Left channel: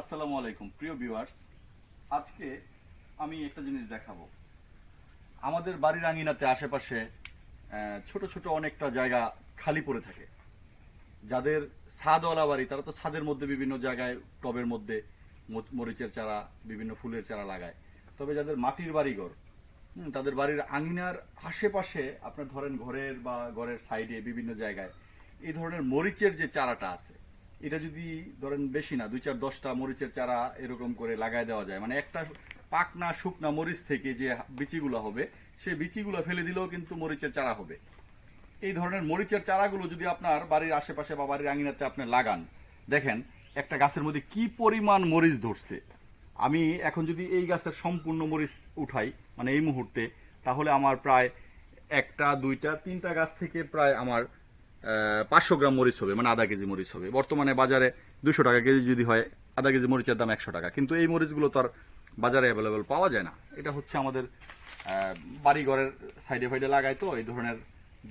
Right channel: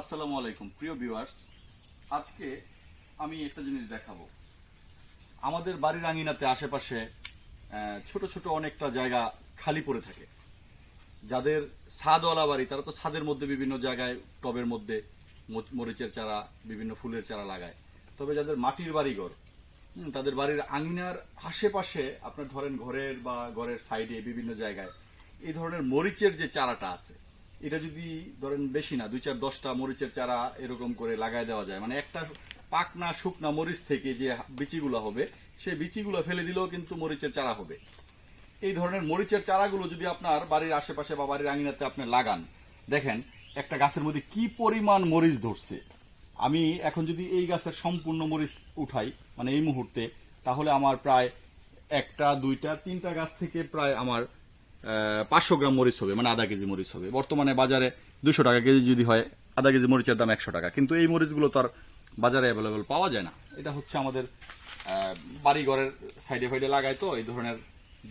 আসসালামু আলাইকুম, প্রিয় ভিউয়ার্স আজকে আমি একটা জিনিস দেখাবো। আমাদের বাড়ির আঙিনাতে আশেপাশে ছোট ছোট অনেকটা জায়গা খালি পড়ে থাকে। যাদের ছাদওয়ালা বাড়ি, তারা তো ছাদের মধ্যে বিভিন্ন জায়গায় টবের মধ্যে মরিচের চারা, বিভিন্ন ফুলের চারা লাগায়। তবে যাদের মাটির বাড়িঘর তাদের বাড়ির আঙিনার আশেপাশে, আপনার ধরেন ঘরের বা ঘরের সাইডে বিভিন্ন জায়গায়, এই ধরনের মরিচের যে চারাটা আছে এটা যদি ধরেন বেশি না, দুই চার দশটা মরিচের চারা এরকম করে লাগায় দেওয়া যায় মানে একটা পাকনা শুকনা মরিচ থেকে যে বিচিগুলো হবে সেই বিচিগুলো ফেলে দিলেও কিন্তু মরিচের চারা হবে। এই ধরনের মরিচের চারাগুলো যদি আপনার বাড়ির আশেপাশে বা বাড়ির আঙিনাতে আপনি লাগান, দেখেন একটা গাছের মধ্যে কি পরিমাণ মরিচ ধরছে। আমি এখন যদি এই গাছের সম্পূর্ণ মরিচ উঠাই মানে এই মুহূর্তে, তাহলে আমার প্রায় একটা, দুইটা, তিনটা গাছ থেকে প্রায় আমার পাঁচশো গ্রাম মরিচ হবে মানে আধা কেজি মরিচ হবে। বর্তমানে বাজারে দুশো টাকা কেজি যদি হয় আধা কেজি মরিচের দাম একশো টাকা। কিন্তু এই মরিচগুলো তো আর বাজারে অ্যাভেলেবেল পাওয়া যায় না। এটা হচ্ছে আমাদের বাড়িঘরের সাইডে ফাইডে লাগায় তো এই ধরনের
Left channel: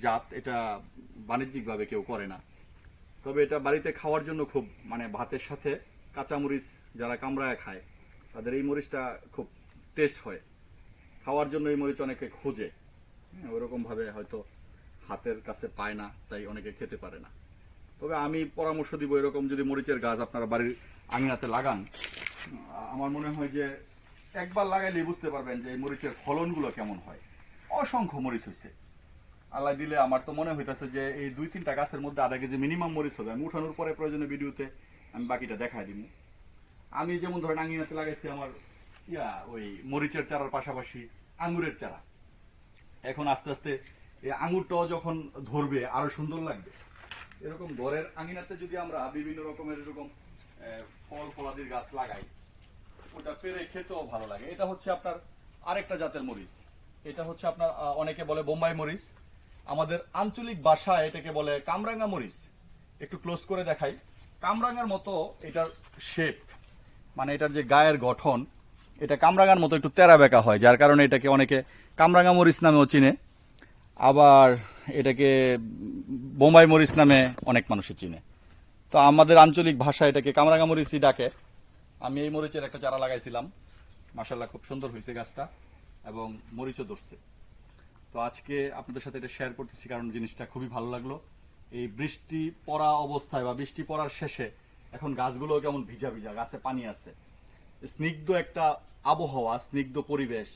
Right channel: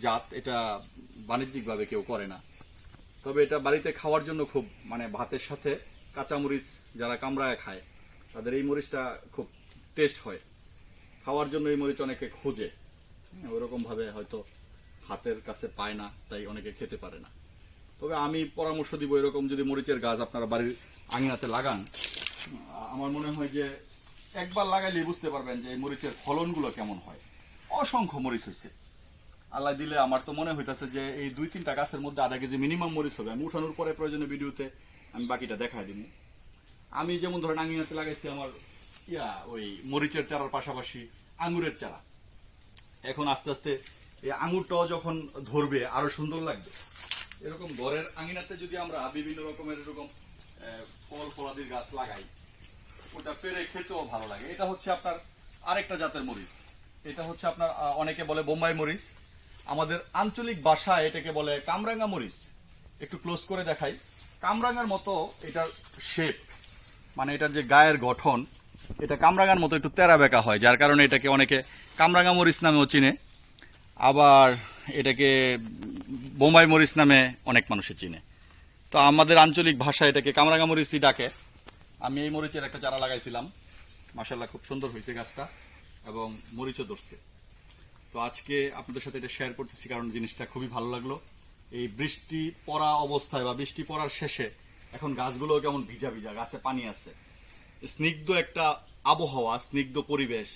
জাত। এটা বাণিজ্যিকভাবে কেউ করে না। তবে এটা বাড়িতে খাওয়ার জন্য খুব মানে ভাতের সাথে কাঁচা মরিচ যারা কামড়ায় খায় তাদের এই মরিচটা খুব টেস্ট হয়। খাওয়ার জন্য এই মরিচ অনেকে খোঁজে। হ্যাঁ, ওরকম হয়তো হাতের কাছে পায় না, তাই অনেকে খেতে পারে না। তবে আমি পরামর্শ দিব এরকম যদি মরিচের গাছ আপনারা বাড়ির আঙিনাতে লাগান, আমার মনে হয় যে একবার লাগাইলে বুঝতে পারবেন যে এই মরিচের ফলনগুলো কেমন হয়। অসংখ্য মরিচ হয়েছে আল্লাহ দিলে আমার তো মনে হইতাছে যে এই দুই তিনটা গাছের মধ্যে আধা কেজি মিনিমাম মরিচ হবে। আমি উঠানোর পরে প্রয়োজনে ভিডিওতে আমি বাকিটা দেখাই দিব আমি যেমন ধরেন আঙিনাতে লাগাইছি আমার, ইয়া, ওই মরিচের চারার পাশাপাশি আঙুরের চারা। এখন আস্তে আস্তে এই আঙুরটাও যখন ধরবে, আরও সুন্দর লাগবে। এরকম ঘরের আঙিনাতে যদি আমরা বিভিন্ন রকমের এরকম ফল ফলাদির গাছ লাগাই, ওটা পেরে খেতেও ভালো লাগে। এটা হচ্ছে আপনার আরেকটা জাতের মরিচ। এটা হচ্ছে আপনার অনেকে বলে বোম্বাই মরিচ। আমাদের আঞ্চলিক ভাষায় এটাকে বলে কামরাঙ্গা মরিচ। একটু ক্লোজ করে দেখাই। কামরাঙ্গার মতো এটার শেপ মানে এটার যে গায়ের গঠন, এটা কামরাঙ্গার মতো একটু তেরা বেঁকা হয়, যার কারণে এটাকে অনেকে কামরাঙ্গা মরিচ নামেও চিনে। আবার এটাকে বোম্বাই মরিচ নামে অনেক মানুষে চিনে। তো আমাদের আঞ্চলিক ভাষা এটাকে কামরাঙ্গা মরিচই ডাকে। আমি এই মরিচের একটা চারা লাগাইছিলাম। মাসাল্লাহ খুব সুন্দর হয়েছে গাছটা এবং মরিচও ধরছে। তো আজকে আপনাদের সাথে এটা শেয়ার করতেছি কারণ জিনিসটা খুবই ভালো লাগল। এই বৃষ্টি পড়া অবস্থায় বা বৃষ্টি পড়ার শেষে এখন গাছগুলো কেমন ভিজা ভিজা, গাছে পানি আছে। স্নিগ্ধ একটা আবহাওয়া, স্নিগ্ধ পরিবেশ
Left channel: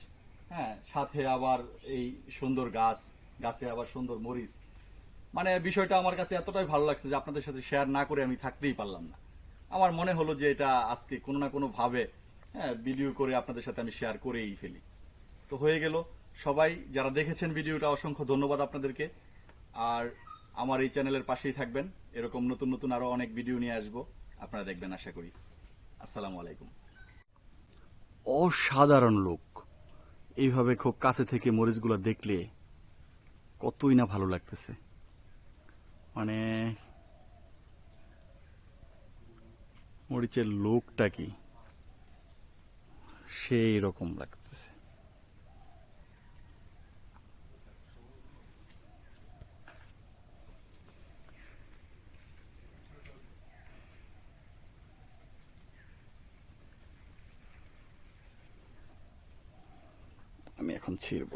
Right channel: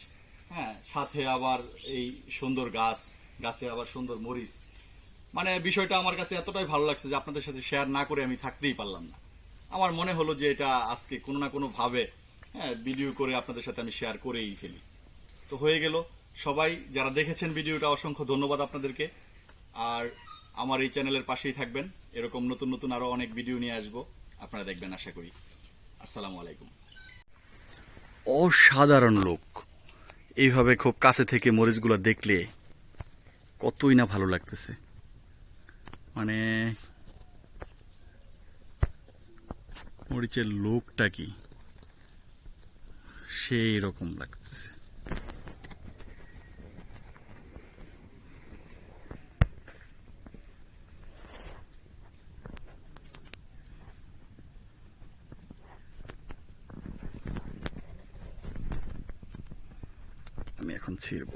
হ্যাঁ সাথে আবার এই সুন্দর গাছ গাছে আবার সুন্দর মরিচ। মানে বিষয়টা আমার কাছে এতটাই ভালো লাগছে যে আপনাদের সাথে শেয়ার না করে আমি থাকতেই পারলাম না। আমার মনে হলো যে এটা আজকে কোনো না কোনোভাবে হ্যাঁ ভিডিও করে আপনাদের সাথে আমি শেয়ার করেই ফেলি। তো হয়ে গেল। সবাই যারা দেখেছেন ভিডিওটা অসংখ্য ধন্যবাদ আপনাদেরকে। আর আমার এই চ্যানেলের পাশেই থাকবেন। এরকম নতুন নতুন আরও অনেক ভিডিও নিয়ে আসব। আপনারা দেখবেন, আশা করি। আসসালামু আলাইকুম। অসাধারণ লোক এইভাবে খুব কাছে থেকে মরিচগুলো দেখলে কতই না ভালো লাগতেছে। মানে মরিচের লোকটা কি? সেই রকম লাগতেছে। আমি এখন ছিড়ব।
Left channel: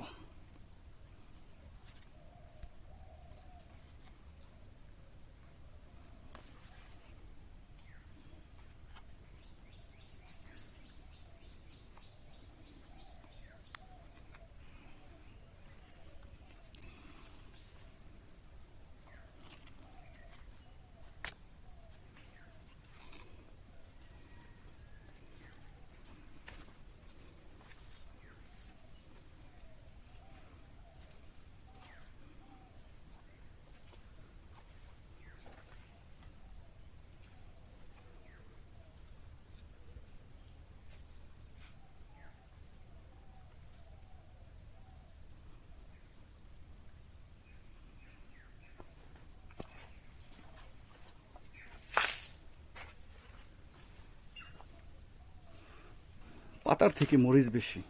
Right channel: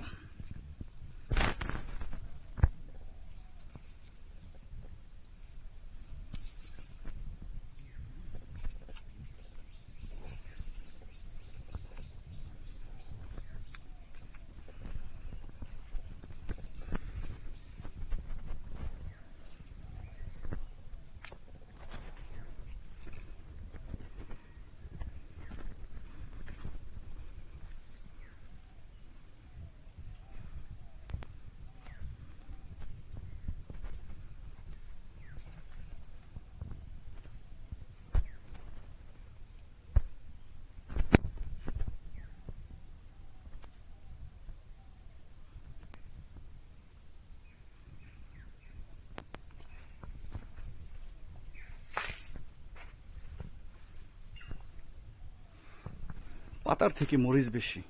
পাতার থেকে মরিচ বেশি।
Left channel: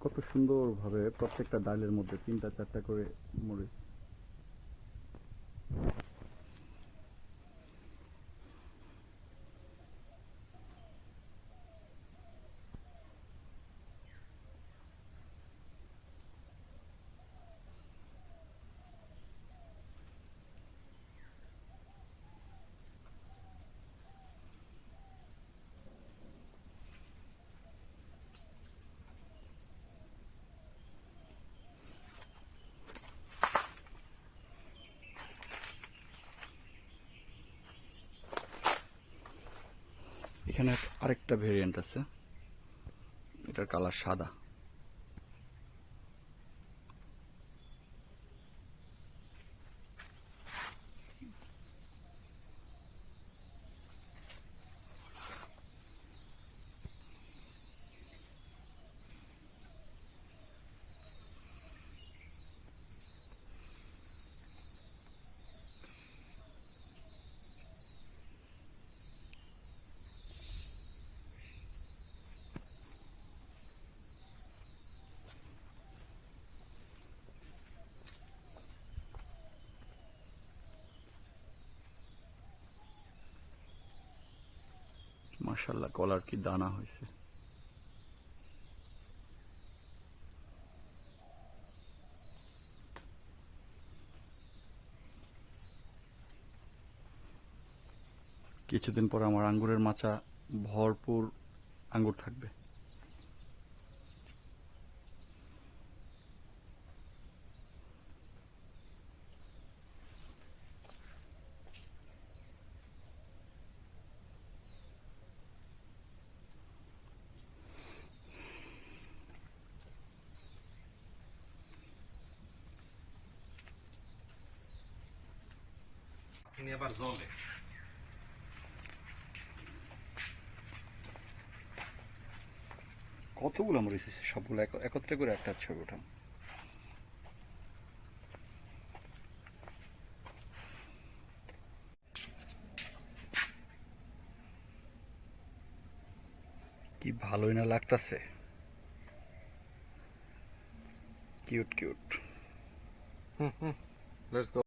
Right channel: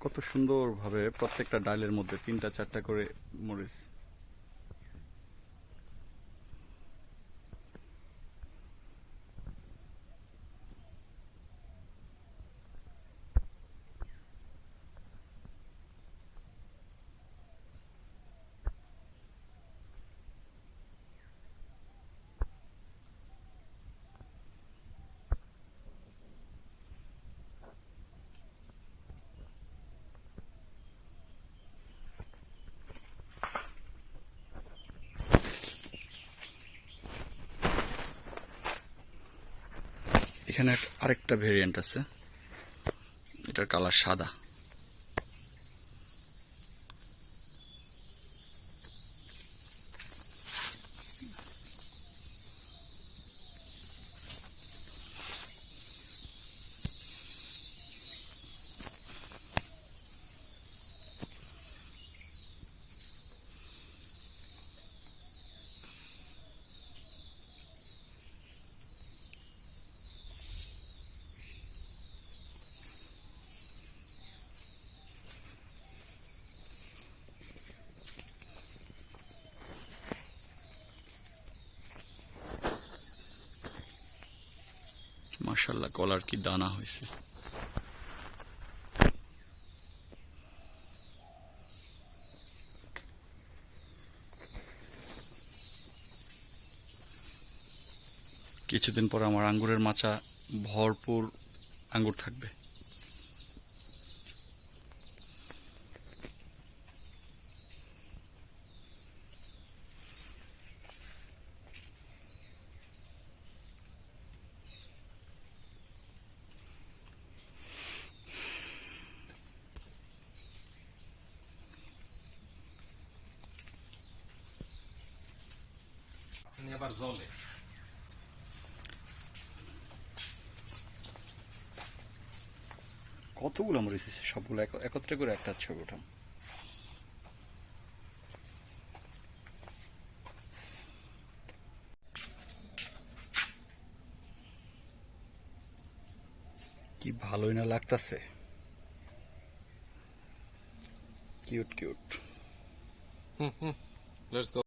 কত সুন্দরভাবে প্রত্যেকটা ডালের মধ্যে তিনটা চারটা করে মরিচ এখানে আরেকটা ভেরিয়েন্ট আছে। এটার কালার সাদা। মার্শাল্লাহ কলার কি দানা হয়েছে। কিছুদিন পর আমার আঙ্গুরের মাচা ভরপুর আঙ্গুর থাকবে। তিনি আবার জলে কতগুলো মরিচ হয়েছে? সবগুলো এক- একত্রে করে একটা ছবি উঠাম কি ভালোই না লাগতাছে। Cute cute. Let's go